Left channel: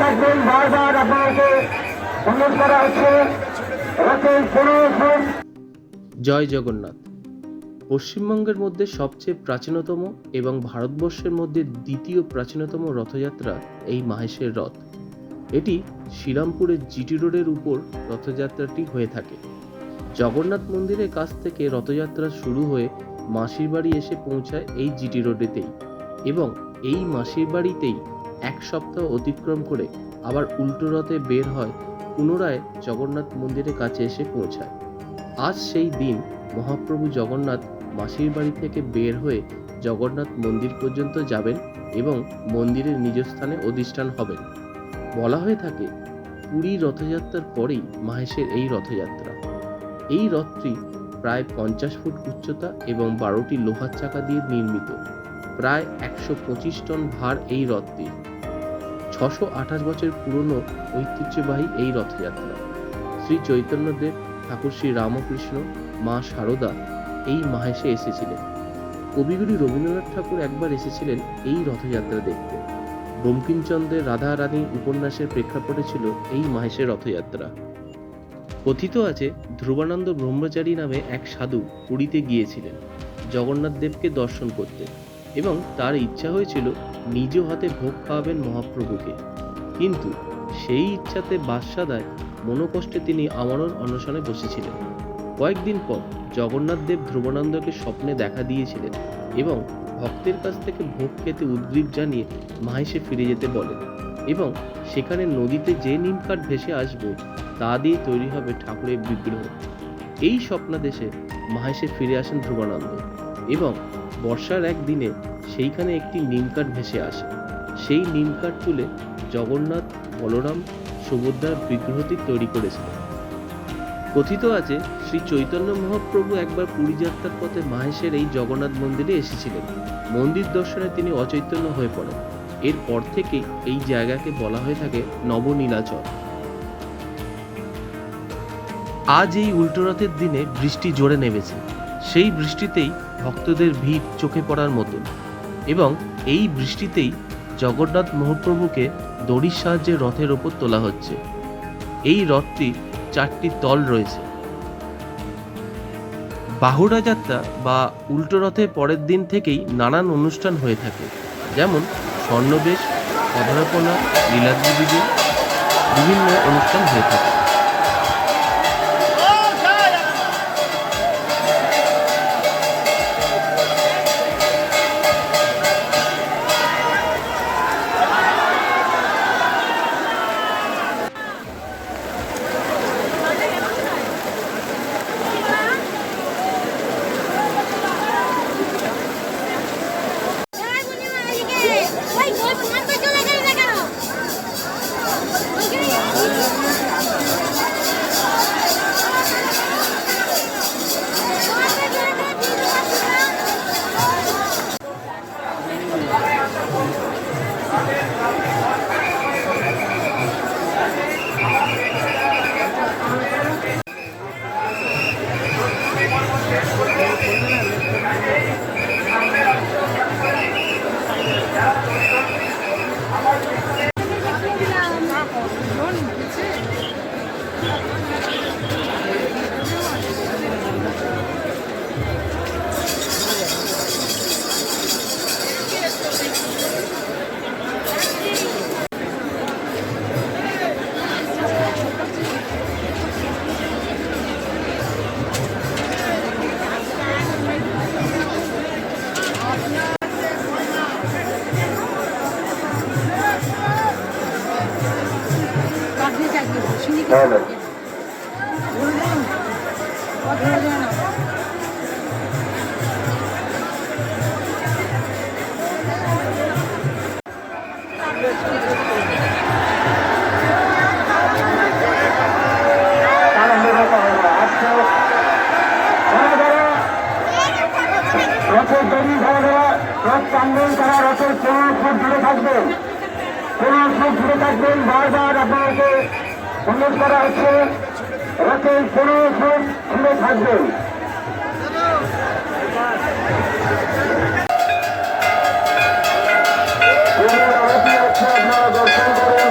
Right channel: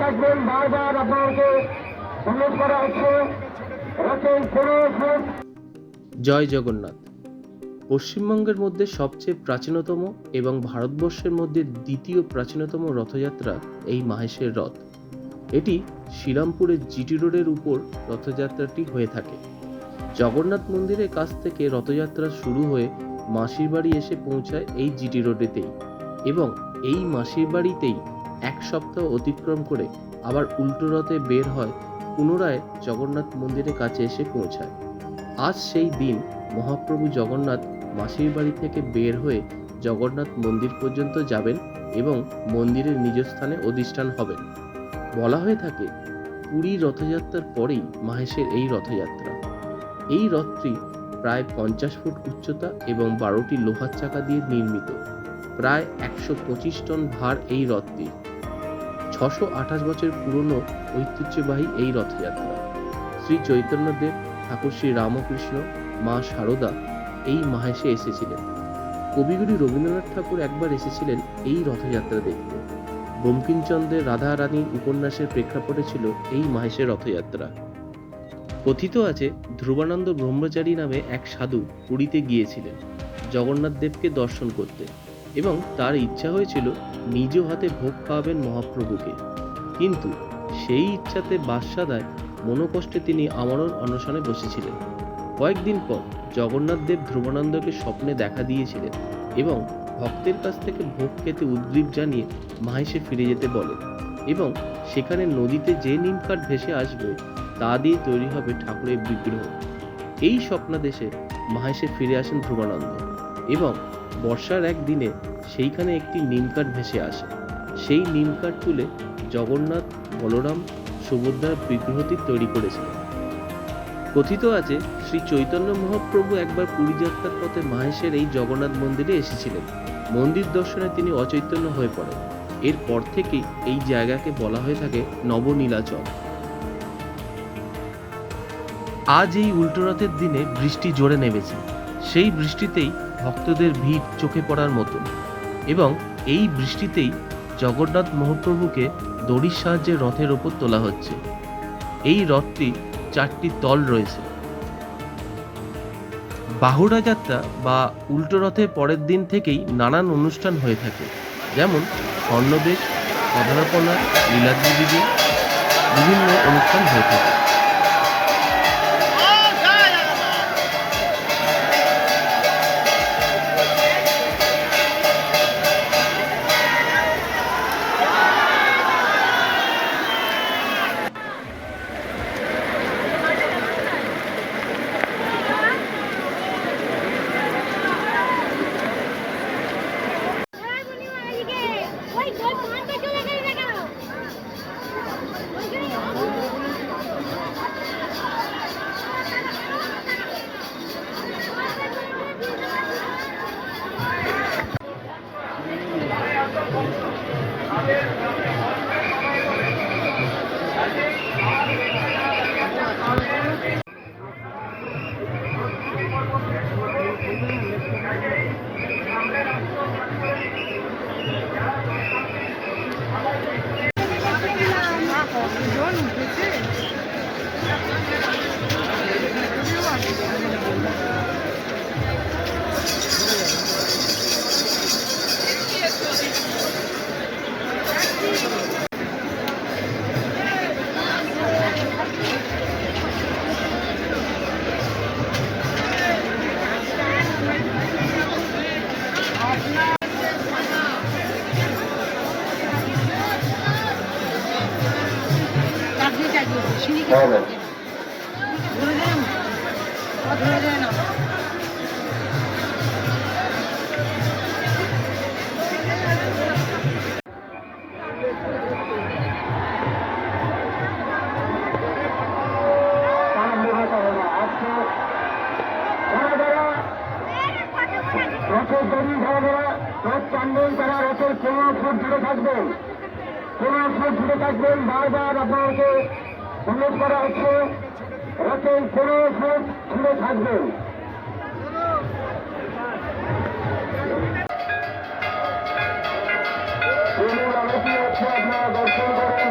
থাকবেন, বারবার আপনাকে অনুরোধ করা হচ্ছে। জয় জগন্নাথ। পশ্চিমবঙ্গের মধ্যে সবচেয়ে প্রাচীনতম এবং ভারতবর্ষের মধ্যে দ্বিতীয় প্রাচীনতম রথযাত্রা এই মাহেশের রথ। এটি শ্রীরামপুরের জিটি রোডের উপর রথযাত্রাটি হয়ে থাকে। জগন্নাথ মন্দিরের কাছ থেকে রথযাত্রা শুরু হয়ে মাসির বাড়ি এসে পৌঁছায় এই জিটি রোডেতেই, এবং এই মাসির বাড়িতেই এক সপ্তাহ অতিক্রম করে আবার উল্টো রথে বের হয়, পুনরায় জগন্নাথ মন্দিরের কাছে এসে পৌঁছায়। আজ সেই দিন মহাপ্রভু জগন্নাথ মাসির বাড়ি থেকে বের হয়ে জগন্নাথ মন্দির পর্যন্ত যাবেন এবং মন্দিরের নিজ স্থানে অধিষ্ঠান হবেন। বলা হয়ে থাকে পুরী রথযাত্রার পরেই মাহেশের এই রথযাত্রা। এই রথটি প্রায় 50 ফুট উচ্চতা এবং 12টি লোহার চাকা দিয়ে নির্মিত। প্রায় 125 টন ভার এই রথটি। 628 বছর পুরনো ঐতিহ্যবাহী এই রথযাত্রা। শ্রী চৈতন্যদেব, ঠাকুর শ্রী রামকৃষ্ণ, মা শারদা এই মাহেশে এসেছিলেন। কবিগুরু রবীন্দ্রনাথ ঠাকুর একবার এসেছিলেন এই রথযাত্রা দেখতে। বঙ্কিমচন্দ্রের রাধা রানী উপন্যাসের প্রেক্ষাপটে ছিল এই মাহেশের রথযাত্রা। কথিত আছে ধ্রুবানন্দ ব্রহ্মচারী নামে এক সাধু পুরীতে গিয়েছিলেন জগন্নাথ দেবকে দর্শন করতে, এবং তার ইচ্ছা হয়েছিল নিজ হাতে ভোগ খাওয়াবেন মহাপ্রভুকে। কিন্তু সেই ইচ্ছাতে বাদশাদায় মনোকষ্টে তিনি আমরণ অনশনে বসেছিলেন। কয়েকদিন পর জগন্নাথ দেব ধ্রুবানন্দকে স্বপ্নে দেখা দিয়েছিলেন এবং ভক্তের কাছ থেকে ভোগ খেতে উদ্গ্রীব জানিয়ে মাহেশে ফিরে যেতে বলেন, এবং সেখানে নদীতে যে নিমকাঠ ভেসে আসবে তা দিয়ে তৈরি হবে ঠাকুরের বিগ্রহ। এই স্বপ্নাদেশে মাহেশে ফিরে আসেন ধ্রুবানন্দ, এবং বর্ষার এক দিনে সেইখানে একটি নিমকাঠ ভেসে আসে। সেই নিমকাঠ তুলে জগন্নাথ, বলরাম, সুভদ্রার বিগ্রহটি তৈরি করেছিলেন। কথিত আছে শ্রী চৈতন্য মহাপ্রভু একবার পুরী যাত্রার পথে মাহেশের এই জগন্নাথ মন্দিরে এসেছিলেন। মন্দির দর্শনে তিনি অচৈতন্য হয়ে পড়েন। এরপর থেকেই এই জায়গাকে বলা হয়ে থাকে নবনীলাচল। আজ এই উল্টো রথের দিনে বৃষ্টি জোরে নেমেছে। সেই বৃষ্টিতেই ভক্তদের ভিড় চোখে পড়ার মতন, এবং এই বৃষ্টিতেই জগন্নাথ মহাপ্রভুকে দড়ির সাহায্যে রথের ওপর তোলা হচ্ছে। এই রথটি 4টি তল রয়েছে। বাহুড়া যাত্রা বা উল্টো রথের পরের দিন থেকেই নানান অনুষ্ঠান হয়ে থাকে, যেমন স্বর্ণবেশ, অধরাপনা, লীলাদ্রি বিজে, বিভিন্ন অনুষ্ঠান হয়ে থাকে। বারবার আপনাকে অনুরোধ করা হচ্ছে, রথের 15 ফুট ঘুরে থাকবেন। আপনারা দর্শন করেন।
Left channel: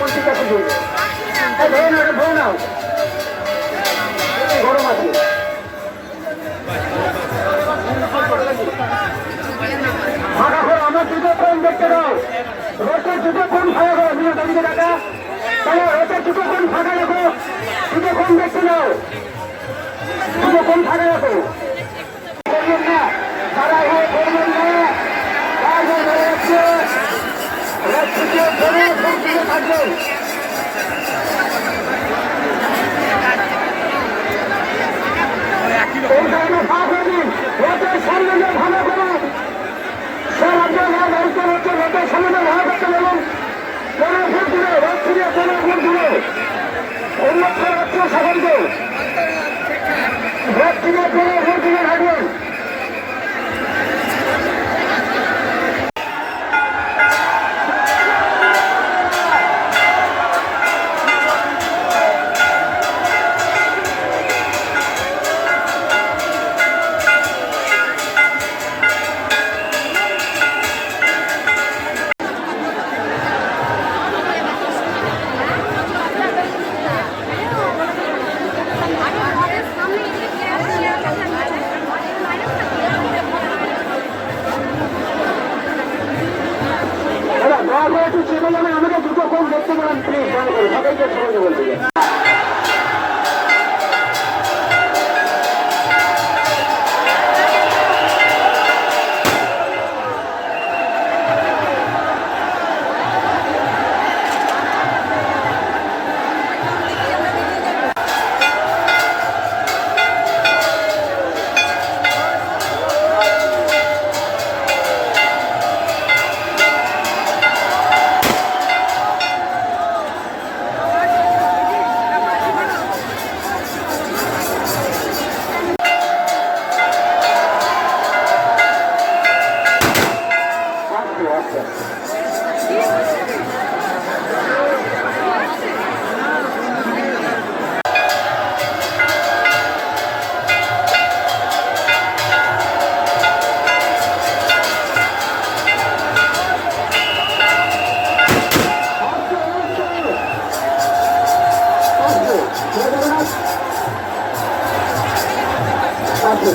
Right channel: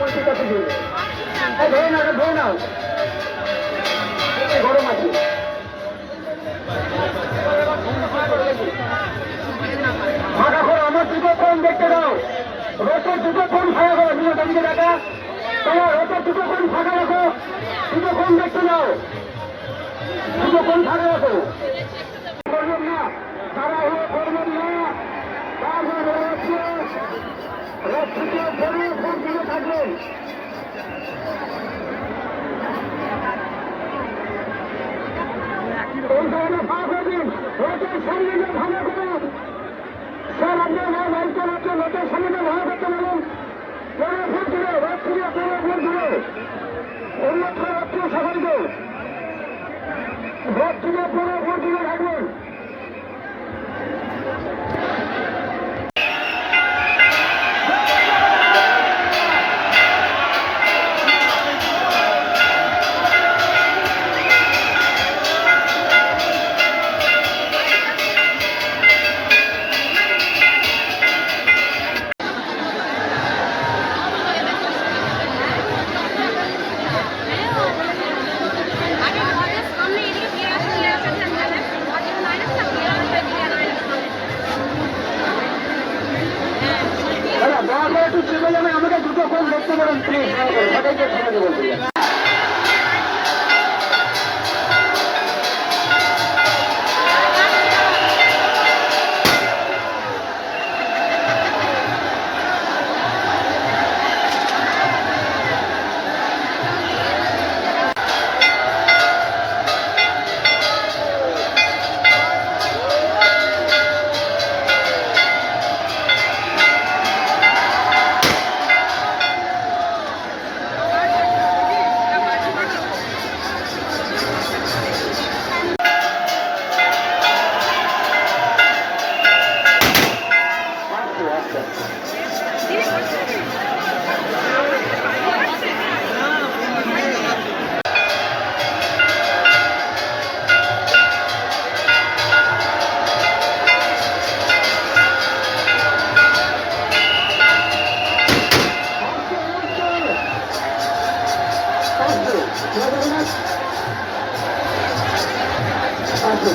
পরিচিত আছে ধরে নাও গরম আছে ফাঁকা করে আমার দুটো ফোন দেখতে দাও রোটের দুটো ফোন ফাঁকা করো দুটো দিকে দেখা তাহলে রোটের দুটো ফোন ফাঁকা রাখো দুটো ফোন দেখতে দাও দুটো ফোন ফাঁকা রাখো থাকবেন আমাকে দুটো ফোন দেখতে পারেন প্লিজ সবাইকে ফোনে দেবেন আচ্ছা